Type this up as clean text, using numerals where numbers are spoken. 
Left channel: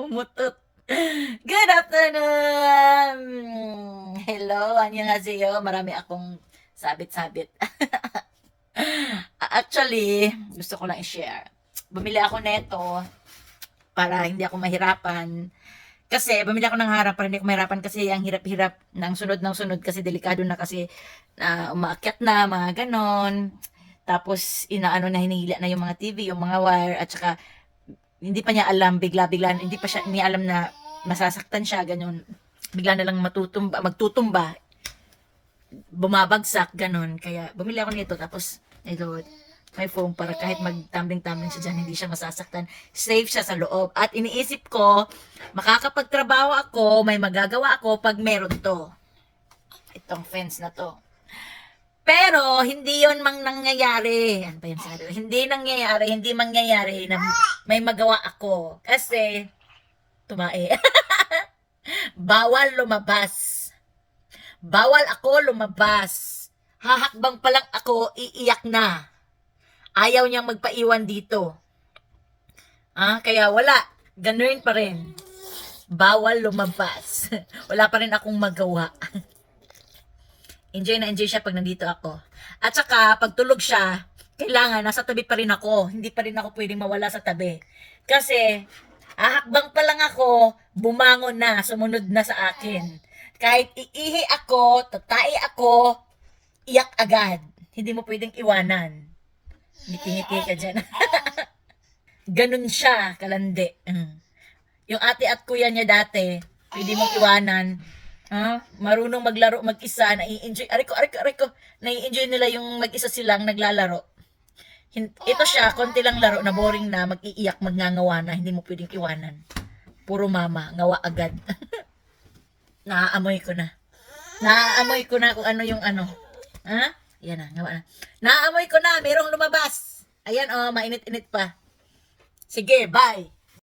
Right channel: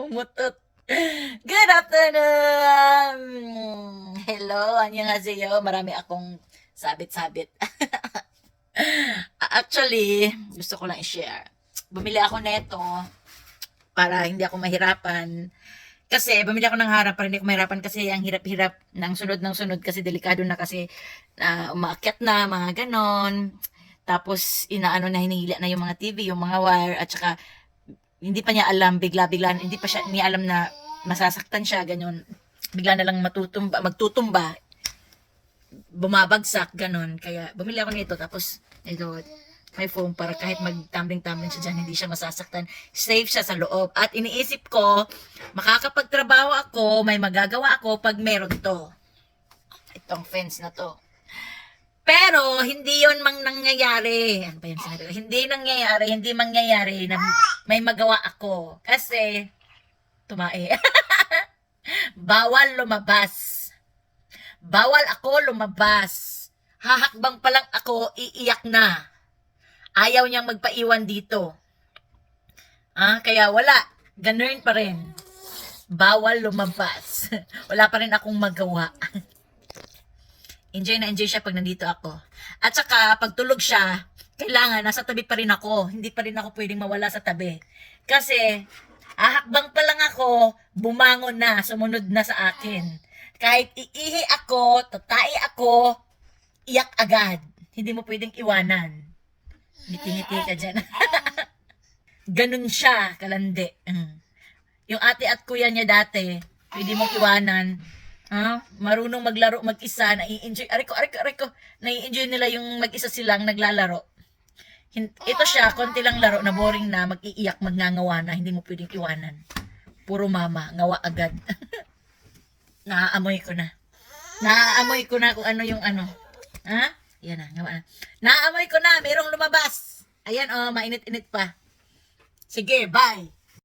Umutot. Good afternoon! Hello, annyeonghaseyo. Marami akong sabit-sabit. Actually, gusto ko lang i-share. Bumili ako neto para hindi ako mahirapan. Kasi bumili ako ng harap para hindi ako mahirapan kasi ang hirap-hirap ng sunod kasi delikado na kasi umaakyat na, mga ganon. Tapos inaano na hinihila na yung mga TV, yung mga wire at saka hindi pa niya alam bigla-bigla, hindi pa siya ni alam na masasaktan siya ganun. Bigla na lang magtutumba, bumabagsak ganun. Kaya bumili ako nito tapos ito may foam para kahit magtambling-tambling siya dyan, hindi siya masasaktan. Safe siya sa loob. At iniisip ko, makakapagtrabaho ako, may magagawa ako pag meron to. Itong fence na to. Pero, hindi yon mang nangyayari. Ano ba yan sabi? Hindi mangyayari na may magawa ako. Kasi, tumae. Bawal lumabas. Bawal ako lumabas. Hahakbang pa lang ako, iiyak na. Ayaw niyang magpaiwan dito. Kaya wala. Ganun pa rin. Bawal lumabas. Wala pa rin akong magawa. Enjoy na enjoy siya pag nandito ako. At saka, pag tulog siya, kailangan, nasa tabi pa rin ako. Hindi pa rin ako pwedeng mawala sa tabi. Kasi, ahakbang pa lang ako, bumangon na, sumunod na sa akin. Kahit iihi ako, tatai ako, iyak agad. Hindi mo pwedeng iwanan. Ngiti-ngiti ka dyan. Ganun siya, kalandi. Yung ate at kuya niya dati, pwede mong iwanan. Marunong maglaro mag-isa, nai-enjoy. Aray ko, nai-enjoy nila yung mag-isa silang naglalaro. Ito siya, konti lang laro na boring na, mag-iiyak, magngangawa na, hindi mo pwedeng iwanan. Puro mama, ngawa agad. Naaamoy ko na. Naaamoy ko na kung ano yung ano. Yan na, ngawa na. Naaamoy ko na, merong lumabas. Ayan, mainit-init pa. Sige, bye.